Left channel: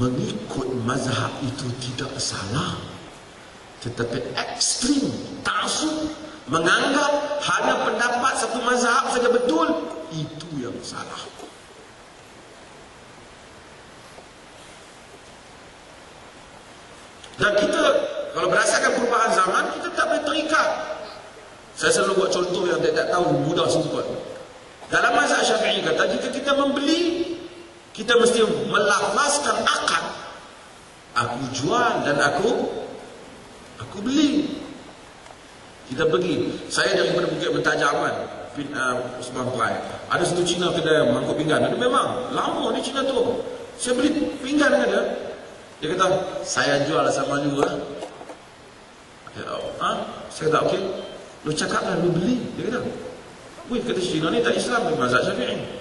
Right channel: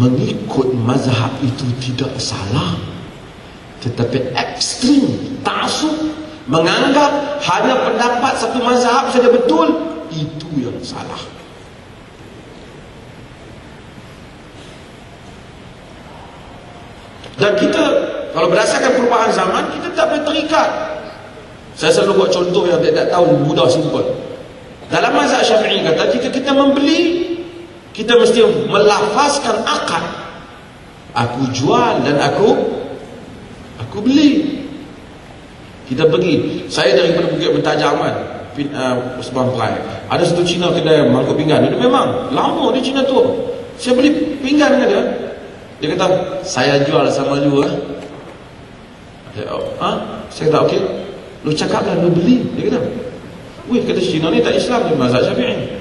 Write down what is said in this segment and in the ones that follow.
mengikut mazhab itu tidak salah, tetapi ekstrim ta'assub, menganggap hanya pendapat satu mazhab saja betul, itu yang salah. Dan kita kalau berdasarkan perubahan zaman, kita tak boleh terikat. Saya selalu buat contoh yang tak tahu, mudah simple. Dalam mazhab Syafi'i kata, jika kita membeli, kita mesti melafazkan akad. Aku jual dan aku beli. Kita pergi, saya daripada Bukit Bentajaman, Sebang Perai. Ada satu Cina kedai mangkuk pinggan. Dia memang lama di Cina tu. Saya beli pinggan dengan dia. Dia kata, saya jual sama lu lah. Saya kata, okey. Lu cakap lah, lu beli. Dia kata, wih, kata Cina ni tak Islam, dia mazhab Syafi'i.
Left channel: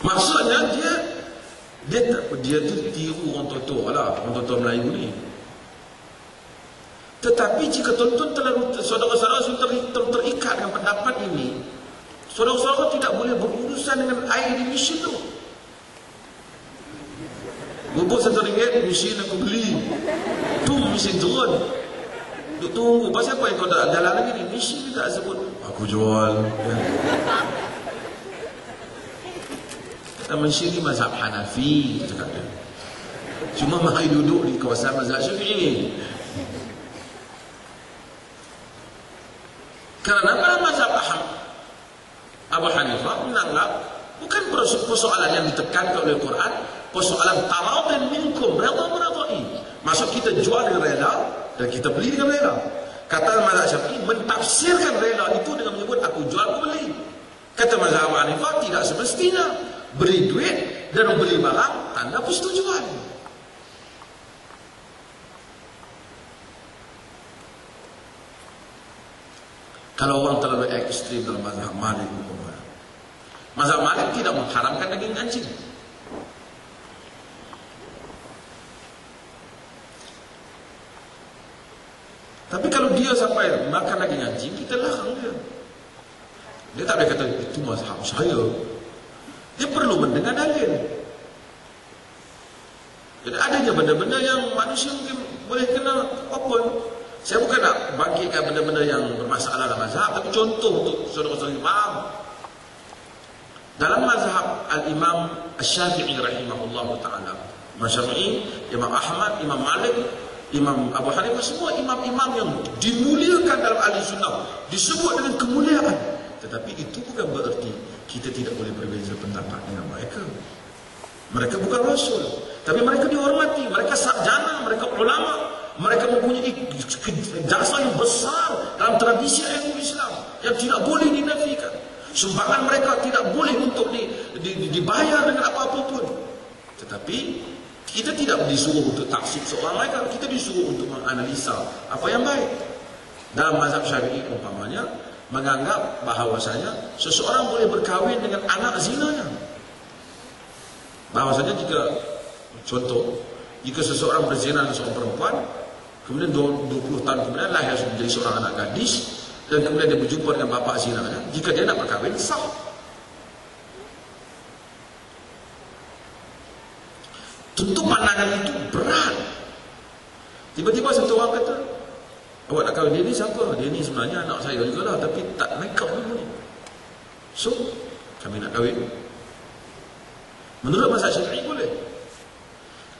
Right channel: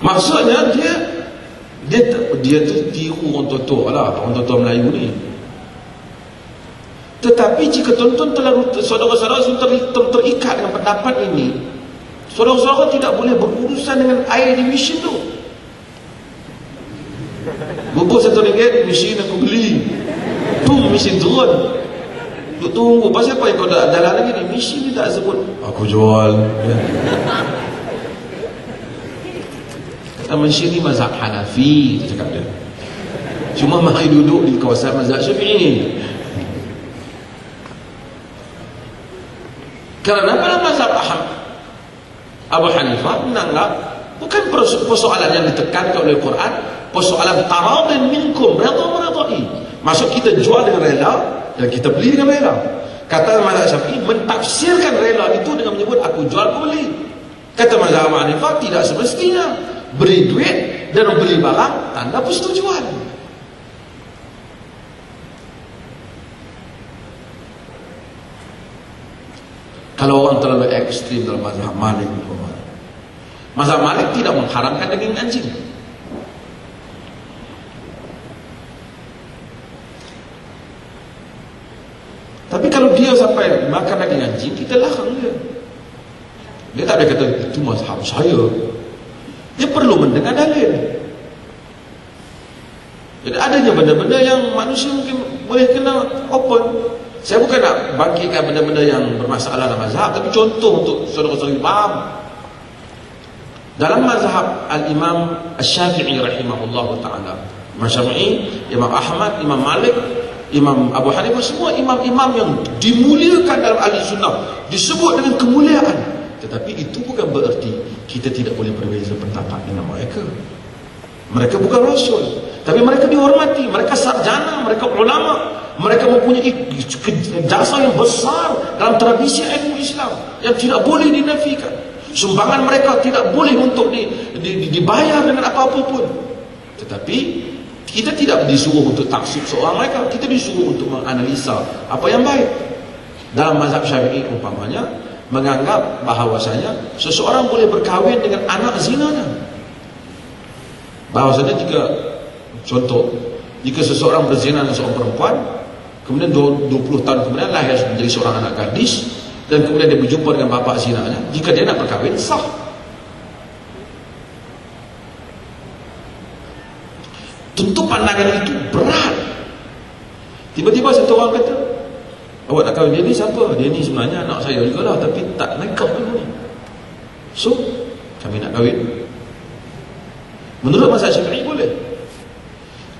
Maksudnya dia tu tiru orang tua lah, orang tua Melayu ni. Tetapi jika tuan-tuan terlalu, saudara-saudara terikat dengan pendapat ini, saudara-saudara tidak boleh berurusan dengan air di mesin tu. Bubur RM1, mesin aku beli. Mesin turun. Duk tunggu. Pasal apa yang kau dah dalam lagi ni? Mesin ni tak sebut aku jual. Kata mesin ni mazhab Hanafi, cakap dia. Cuma mahal duduk di kawasan mazhab Syafi'i. Kerana pada mazhab Abu Hanifah menanggap bukan persoalan yang ditekankan oleh Quran, persoalan taradin minkum, redha meredai. Maksud kita jual dengan rela dan kita beli dengan rela. Kata mazhab Syafi'i mentafsirkan rela itu dengan menyebut aku jual, aku beli. Kata mazhab Abu Hanifah tidak semestinya. Beri duit dan beli barang tanda persetujuan. Kalau orang terlalu ekstrim dalam mazhab Malik, mazhab Malik tidak mengharamkan daging anjing. Tapi kalau dia sampai makan daging anjing, kita larang dia. Dia tak boleh kata itu mazhab saya. Dia perlu mendengar dalil. Jadi adanya benda-benda yang manusia mungkin boleh kena open. Saya bukan nak bangkitkan benda-benda yang bermasalah dalam mazhab, tapi contoh untuk saudara-saudara faham. Dalam mazhab Al-Imam Asy-Syafi'i rahimahullah ta'ala, Imam Syafi'i, Imam Ahmad, Imam Malik, Imam Abu Hanifah, semua imam-imam yang dimuliakan dalam ahli sunnah, disebut dengan kemuliaan. Tetapi itu bukan bererti kita tidak boleh berbeza pendapat dengan mereka. Mereka bukan rasul, tapi mereka dihormati, mereka sarjana, mereka ulama, mereka mempunyai jasa yang besar dalam tradisi ilmu Islam yang tidak boleh dinafikan. Sumbangan mereka tidak boleh untuk dibayar dengan apa-apa pun. Tetapi kita tidak disuruh untuk taksib seorang mereka, kita disuruh untuk menganalisa apa yang baik. Dalam mazhab Syafi'i umpamanya menganggap bahawasanya seseorang boleh berkahwin dengan anak zinanya. Bahawasanya jika contoh, jika seseorang berzina dengan seorang perempuan, kemudian 20 tahun kemudian lahir menjadi seorang anak gadis, dan kemudian dia berjumpa dengan bapa zinanya, jika dia nak berkahwin, sah. Tentu pandangan itu berat. Tiba-tiba satu orang kata, awak nak kahwin dia ni siapa? Dia ni sebenarnya anak saya juga lah, tapi tak nikah juga ni. So, kami nak kahwin. Menurut mazhab Syafi'i boleh.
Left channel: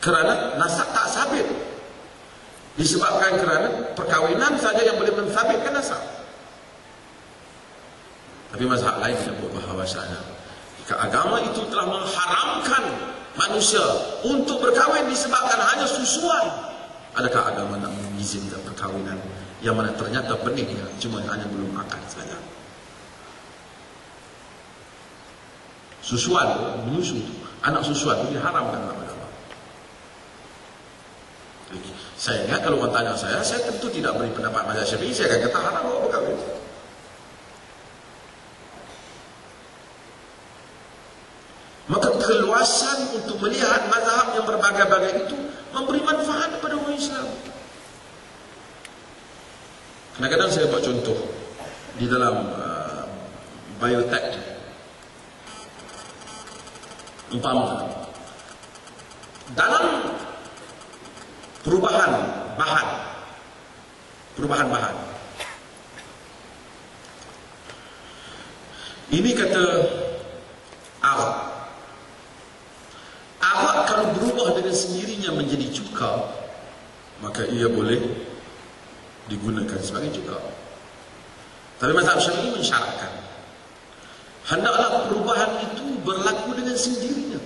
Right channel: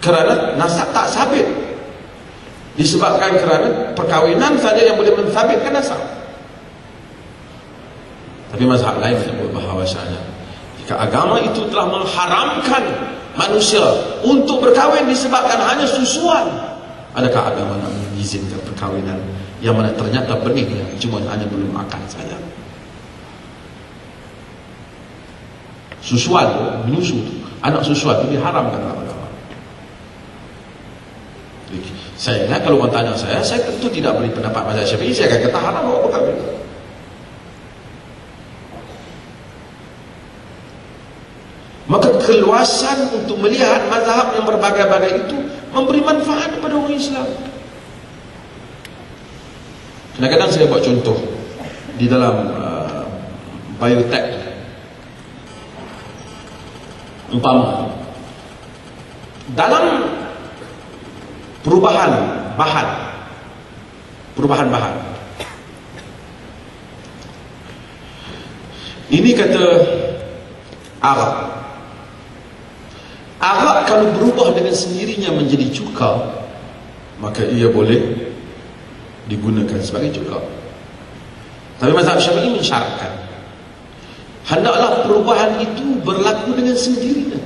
Kerana nasab tak sabit. Disebabkan kerana perkahwinan saja yang boleh mensabitkan nasab. Tapi mazhab lain sebut bahawasanya jika agama itu telah mengharamkan manusia untuk berkahwin disebabkan hanya susuan, adakah agama nak mengizinkan perkahwinan yang mana ternyata benihnya cuma hanya boleh makan saja? Susuan, menyusu, anak susuan itu diharamkan dalam agama. Saya ingat kalau orang tanya saya tentu tidak beri pendapat mazhab Syafi'i, saya akan kata haram bawa berkahwin. Maka keluasan untuk melihat mazhab yang berbagai-bagai itu memberi manfaat kepada orang Islam. Kadang-kadang saya buat contoh di dalam biotech. Umpama dalam perubahan bahan, ini kata arak kalau berubah dengan sendirinya menjadi cuka, maka ia boleh digunakan sebagai cuka. Tapi mazhab Syafi'i mensyaratkan hendaklah perubahan itu berlaku dengan sendirinya.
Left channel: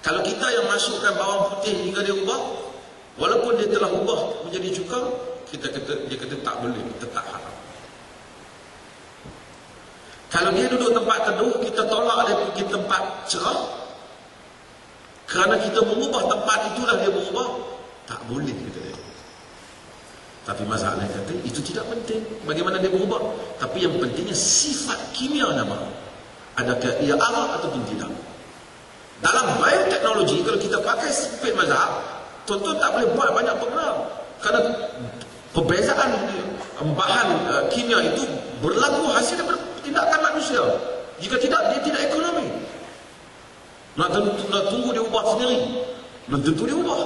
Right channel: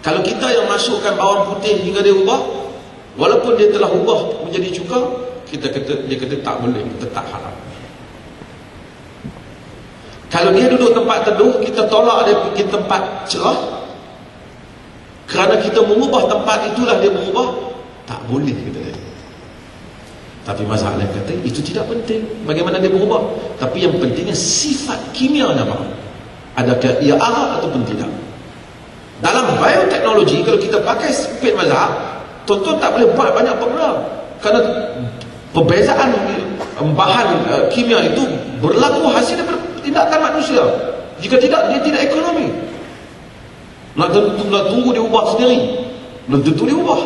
Kalau kita yang masukkan bawang putih hingga dia ubah, walaupun dia telah ubah menjadi cuka, dia kata tak boleh, tetap haram. Kalau dia duduk tempat teduh, kita tolak dia pergi tempat cerah, kerana kita mengubah tempat itulah dia mengubah, tak boleh, kata dia. Tapi masalah kata itu tidak penting bagaimana dia berubah, tapi yang pentingnya sifat kimia nama, adakah ia arak ataupun tidak. Dalam bioteknologi, kalau kita pakai spek mazhab, tuan-tuan tak boleh buat banyak pengenal, kerana perbezaan bahan kimia itu berlaku hasil daripada tindakan manusia. Jika tidak, dia tidak ekonomi. Nak tunggu dia ubah sendiri, belum tentu dia ubah.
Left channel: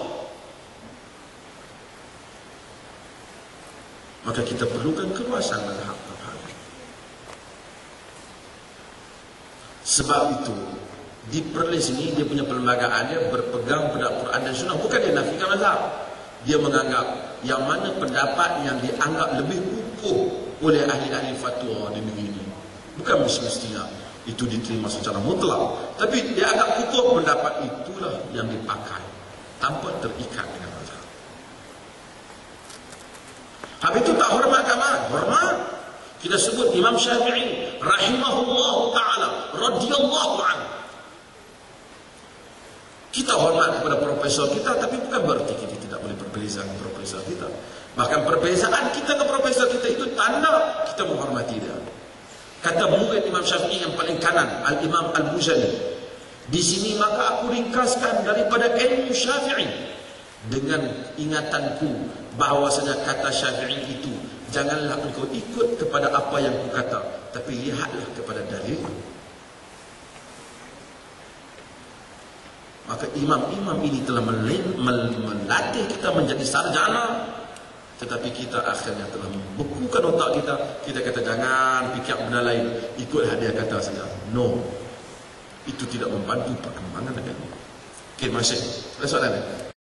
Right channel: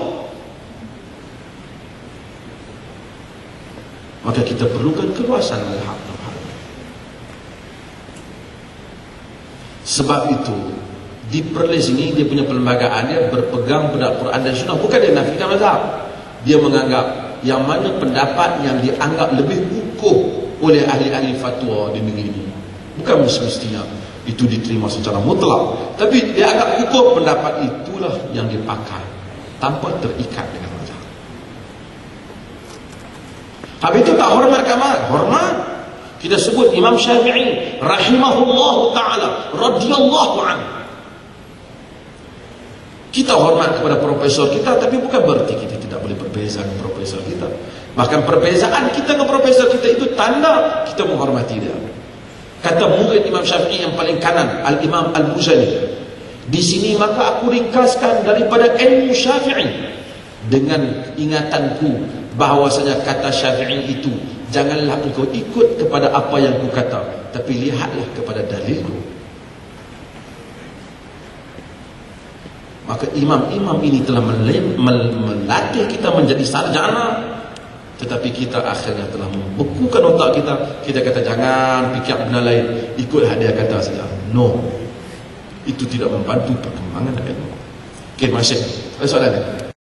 Maka kita perlukan keluasan mazhab. Sebab itu di Perlis ini dia punya perlembagaan dia berpegang pada Quran dan Sunnah. Bukan dia nafikan mazhab, dia menganggap yang mana pendapat yang dianggap lebih kukuh oleh ahli-ahli fatwa di negeri ini. Bukan semestinya itu diterima secara mutlak, tapi dia anggap kukuh pendapat itulah yang dipakai tanpa terikat dengan mazhab. Habis itu tak hormat kamar, hormat. Kita sebut Imam Syafi'i rahimahullah ta'ala radhiyallahu anhu. Kita hormat kepada profesor kita, tapi bukan berarti kita tidak boleh berbeza dengan profesor kita. Bahkan perbezaan kita dengan profesor kita itu tanda kita menghormati dia. Kata murid Imam Syafi'i yang paling kanan, Al-Imam Al-Buzani, di sini maka aku ringkaskan daripada ilmu Syafi'i dengan ingatanku bahawasanya kata Syafi'i itu, janganlah engkau ikut kepada apa yang ku kata, tapi lihatlah kepada dalilku. Maka imam-imam ini telah melatih kita menjadi sarjana, tetapi kita akhirnya telah membekukan otak kita. Kita kata jangan fikir benda lain, ikut hadiah kata saja. No, itu tidak membantu perkembangan agama. Okey, masih ada soalan lain?